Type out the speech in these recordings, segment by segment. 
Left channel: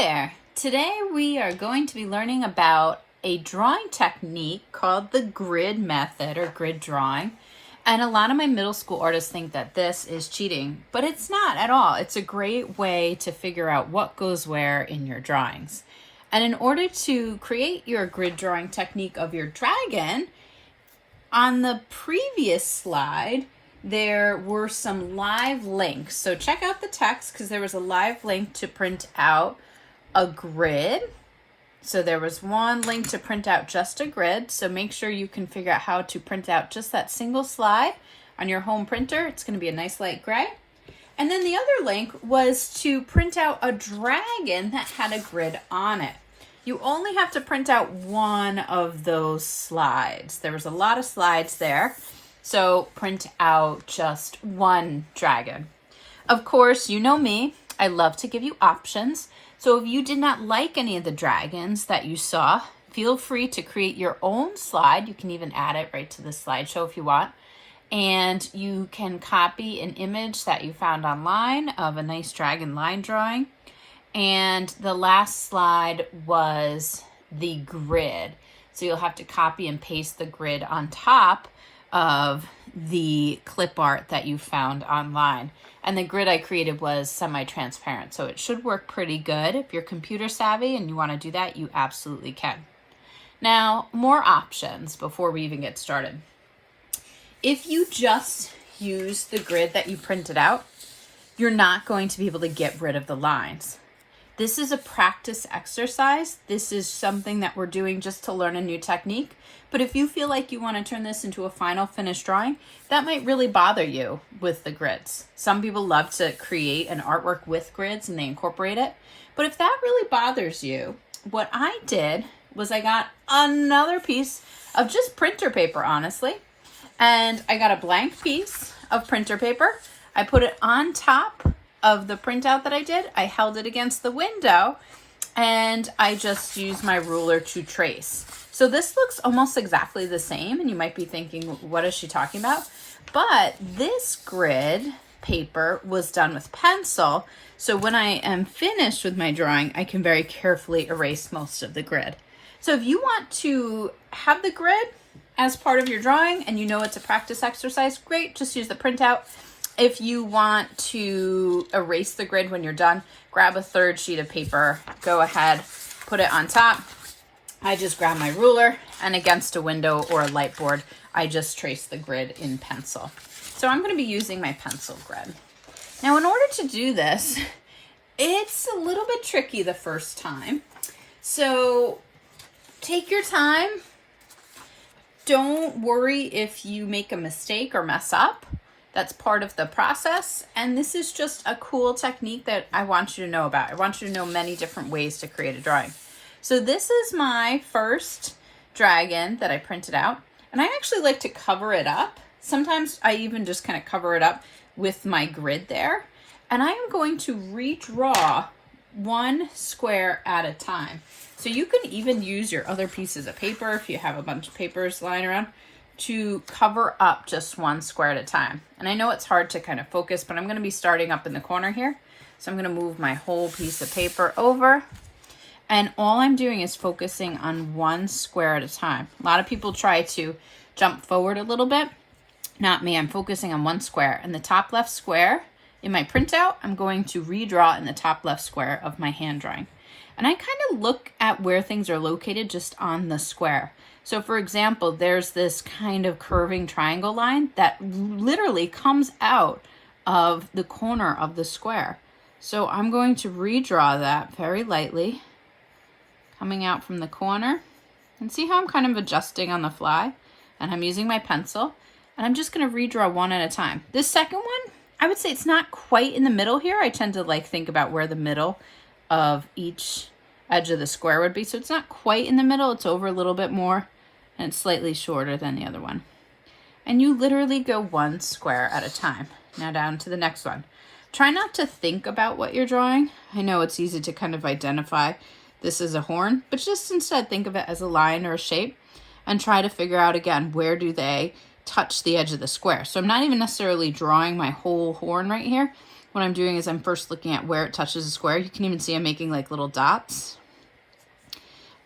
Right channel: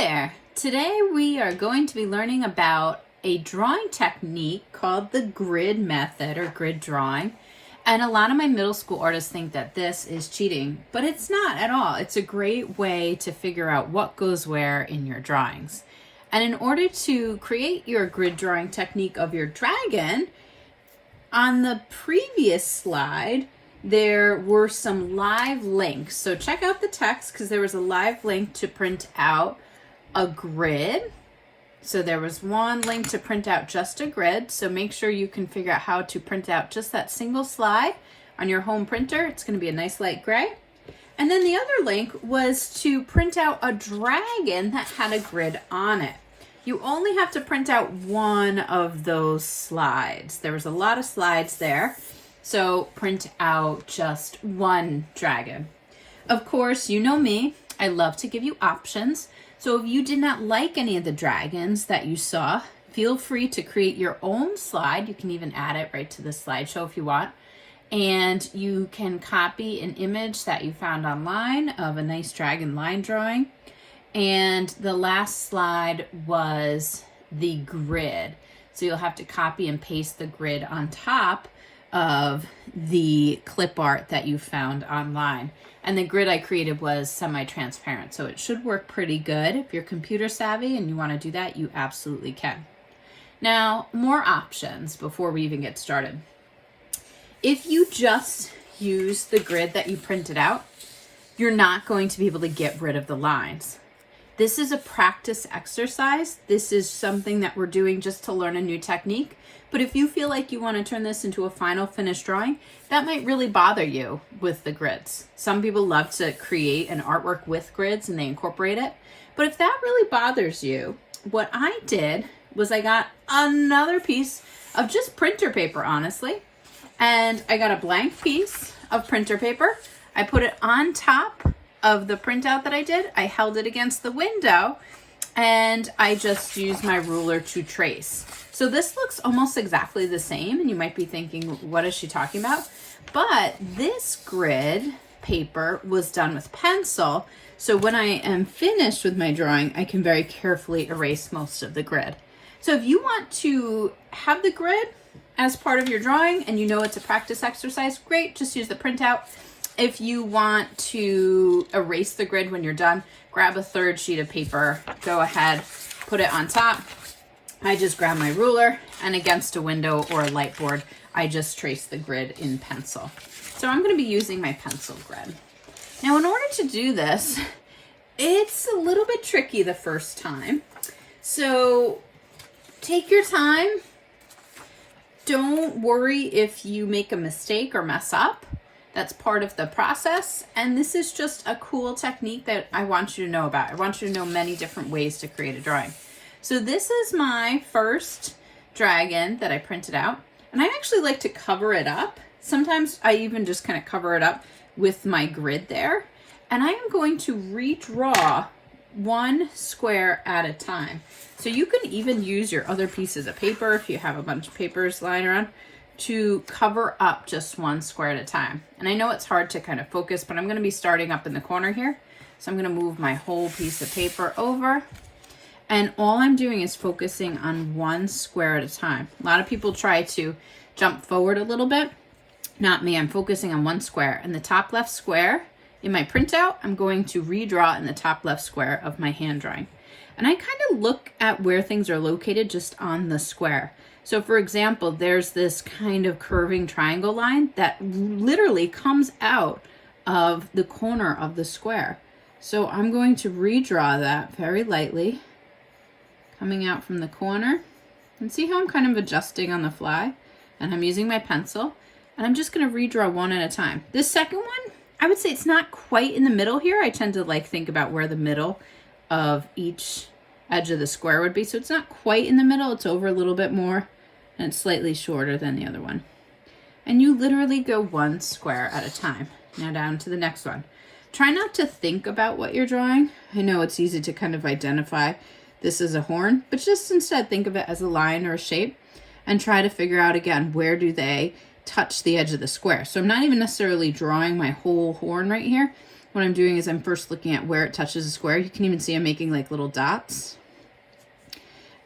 there! Today we are going to be learning about a drawing technique called the grid method or grid drawing. And a lot of my middle school artists think that this is cheating, but it's not at all. It's a great way to figure out what goes where in your drawings. And in order to create your grid drawing technique of your dragon, on the previous slide, there were some live links. So check out the text because there was a live link to print out a grid. So there was one link to print out just a grid. So make sure you can figure out how to print out just that single slide on your home printer. It's going to be a nice light gray. And then the other link was to print out a dragon that had a grid on it. You only have to print out one of those slides. There was a lot of slides there. So print out just one dragon. Of course, you know me, I love to give you options. So if you did not like any of the dragons that you saw, feel free to create your own slide. You can even add it right to the slideshow if you want. And you can copy an image that you found online of a nice dragon line drawing. And the last slide was the grid. So you'll have to copy and paste the grid on top of the clip art that you found online. And the grid I created was semi-transparent, so it should work pretty good. If you're computer savvy and you want to do that, you absolutely can. Now, more options before we even get started. If you just use the grid that you printed out, you're not going to be able to get rid of the lines. This is a practice exercise. This is something that we're doing just to learn a new technique. But if you feel like you want to turn this into a final finished drawing, that might really bother you with the grids. Some people love to create an artwork with grids and they incorporate it. But if that really bothers you, what I did was I got another piece of just printer paper, honestly. And I got a blank piece of printer paper. I put it on top of the printout that I did. I held it against the window and I just used my ruler to trace. So this looks almost exactly the same and you might be thinking, what is she talking about? But this grid paper was done with pencil. So when I am finished with my drawing, I can very carefully erase most of the grid. So if you want to have the grid as part of your drawing and you know it's a practice exercise, great, just use the printout. If you want to erase the grid when you're done, grab a third sheet of paper, go ahead, put it on top. I just grab my ruler and against a window or a light board, I just trace the grid in pencil. So I'm going to be using my pencil grid. Now, in order to do this, it's a little bit tricky the first time. So take your time. Don't worry if you make a mistake or mess up. That's part of the process. And this is just a cool technique that I want you to know about. I want you to know many different ways to create a drawing. So this is my first dragon that I printed out. And I actually like to cover it up. Sometimes I even just kind of cover it up with my grid there. And I am going to redraw one square at a time. So you can even use your other pieces of paper if you have a bunch of papers lying around to cover up just one square at a time. And I know it's hard to kind of focus, but I'm going to be starting up in the corner here. So I'm going to move my whole piece of paper over. And all I'm doing is focusing on one square at a time. A lot of people try to jump forward a little bit. Not me, I'm focusing on one square. And the top left square in my printout, I'm going to redraw in the top left square of my hand drawing. And I kind of look at where things are located just on the square. So for example, there's this kind of curving triangle line that literally comes out of the corner of the square. So I'm going to redraw that very lightly, coming out from the corner. And see how I'm kind of adjusting on the fly? And I'm using my pencil. And I'm just going to redraw one at a time. This second one, I would say it's not quite in the middle here. I tend to think about where the middle of each edge of the square would be. So it's not quite in the middle. It's over a little bit more. And it's slightly shorter than the other one. And you literally go one square at a time. Now down to the next one. Try not to think about what you're drawing. I know it's easy to kind of identify this is a horn, but just instead think of it as a line or a shape and try to figure out again, where do they touch the edge of the square? So I'm not even necessarily drawing my whole horn right here. what I'm doing is I'm first looking at where it touches the square. You can even see I'm making like little dots.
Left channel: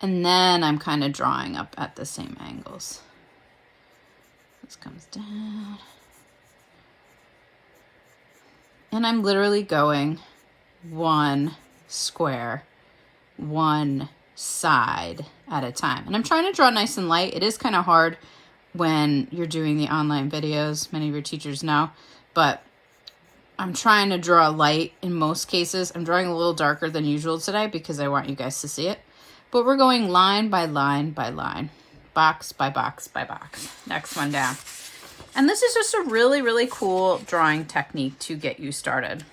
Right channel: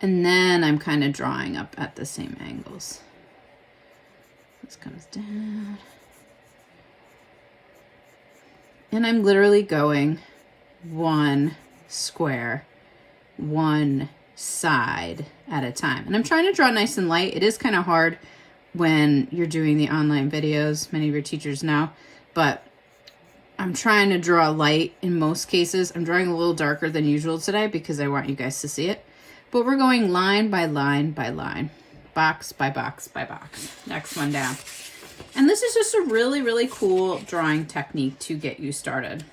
And then I'm kind of drawing up at the same angles. This comes down. And I'm literally going one square, one side at a time. And I'm trying to draw nice and light. It is kind of hard when you're doing the online videos. Many of your teachers know, but I'm trying to draw light in most cases. I'm drawing a little darker than usual today because I want you guys to see it. But we're going line by line by line, box by box by box. Next one down. And this is just a really, really cool drawing technique to get you started.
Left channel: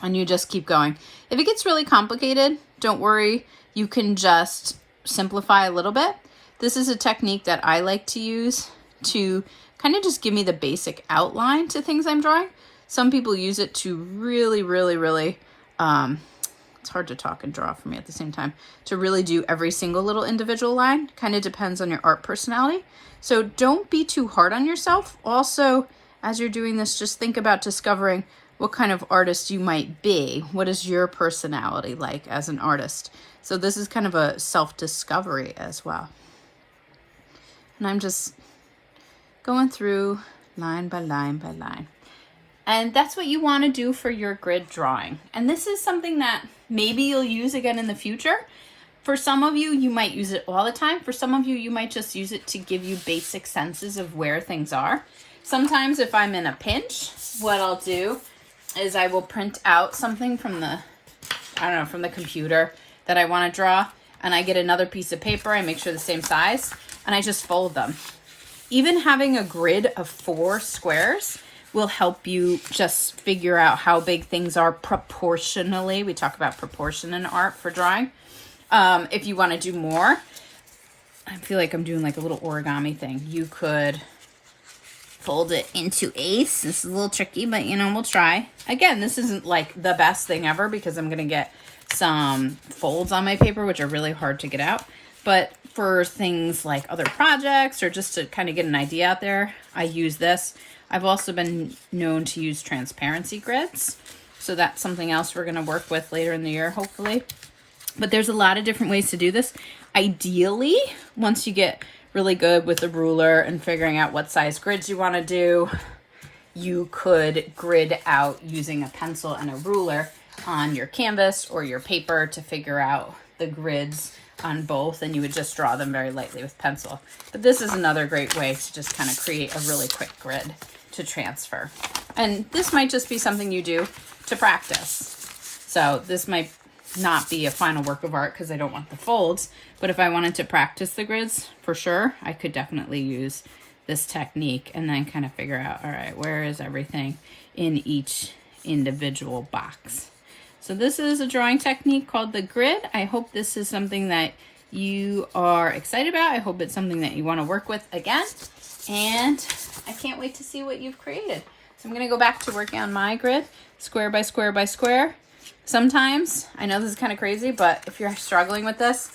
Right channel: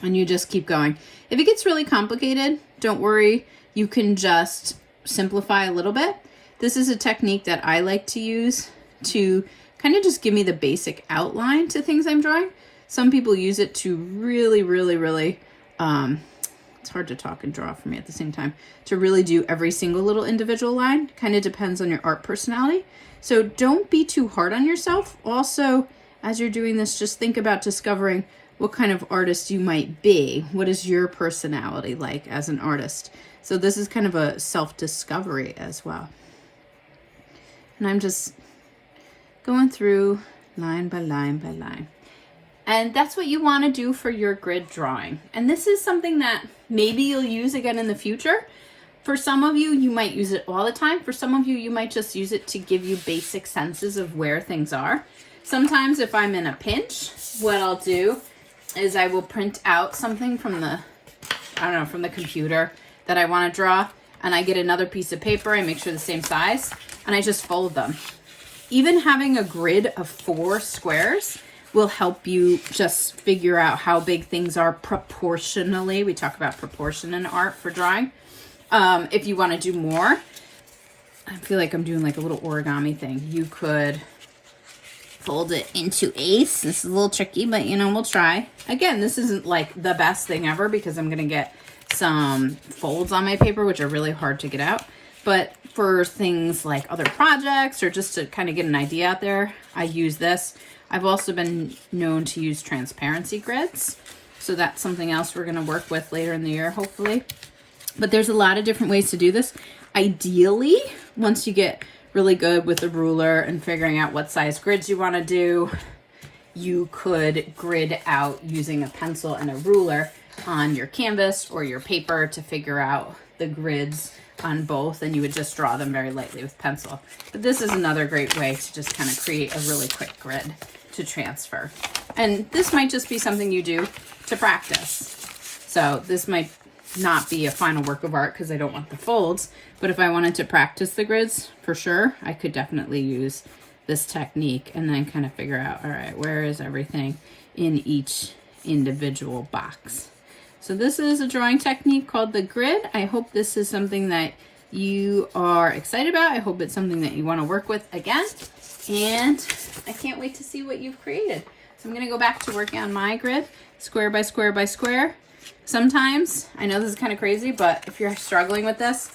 And you just keep going. If it gets really complicated, don't worry. You can just simplify a little bit. This is a technique that I like to use to kind of just give me the basic outline to things I'm drawing. Some people use it to really, really, really, it's hard to talk and draw for me at the same time, to really do every single little individual line. Kind of depends on your art personality. So don't be too hard on yourself. Also, as you're doing this, just think about discovering what kind of artist you might be. What is your personality like as an artist? So this is kind of a self-discovery as well. And I'm just going through line by line by line. And that's what you want to do for your grid drawing. And this is something that maybe you'll use again in the future. For some of you, you might use it all the time. For some of you, you might just use it to give you basic senses of where things are. Sometimes if I'm in a pinch, what I'll do is I will print out something from the, from the computer that I want to draw. And I get another piece of paper, I make sure the same size, and I just fold them. Even having a grid of 4 squares will help you just figure out how big things are proportionally. We talk about proportion in art for drawing. If you want to do more, I feel like I'm doing like a little origami thing. You could fold it into eighths. This is a little tricky, but we'll try. Again, this isn't like the best thing ever because I'm going to get some folds on my paper, which are really hard to get out. But for things like other projects or just to kind of get an idea out there, I use this. I've also been known to use transparency grids. So that's something else we're going to work with later in the year, hopefully. But there's a lot of different ways to do this. Ideally, once you get really good with a ruler and figuring out what size grids you want to do, you could grid out using a pencil and a ruler on your canvas or your paper to figure out the grids on both, and you would just draw them very lightly with pencil. But this is another great way to just kind of create a really quick grid to transfer. And this might just be something you do to practice. So this might not be a final work of art because I don't want the folds, but if I wanted to practice the grids, for sure, I could definitely use this technique and then kind of figure out, all right, where is everything in each individual box? So this is a drawing technique called the grid. I hope this is something that you are excited about. I hope it's something that you want to work with again. And I can't wait to see what you've created. So I'm going to go back to working on my grid, square by square by square. Sometimes, I know this is kind of crazy, but if you're struggling with this,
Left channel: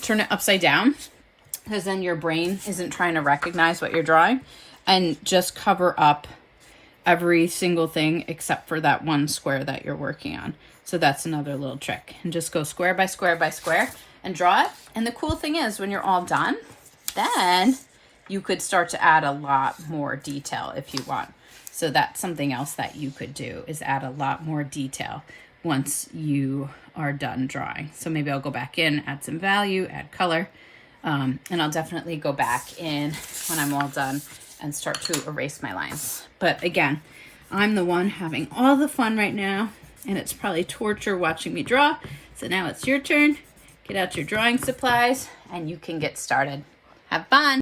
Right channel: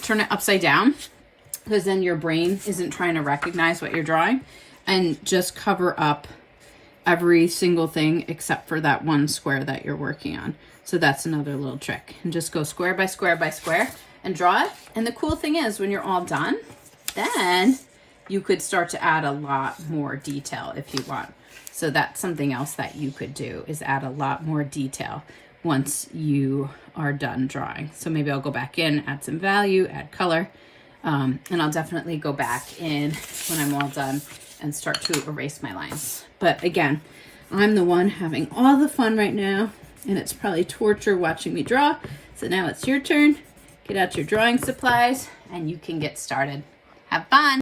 turn it upside down because then your brain isn't trying to recognize what you're drawing, and just cover up every single thing except for that one square that you're working on. So that's another little trick. And just go square by square by square and draw it. And the cool thing is when you're all done, then you could start to add a lot more detail if you want. So that's something else that you could do, is add a lot more detail once you are done drawing. So maybe I'll go back in, add some value, add color, and I'll definitely go back in when I'm all done and start to erase my lines. But again, I'm the one having all the fun right now, and it's probably torture watching me draw. So now it's your turn. Get out your drawing supplies and you can get started. Have fun.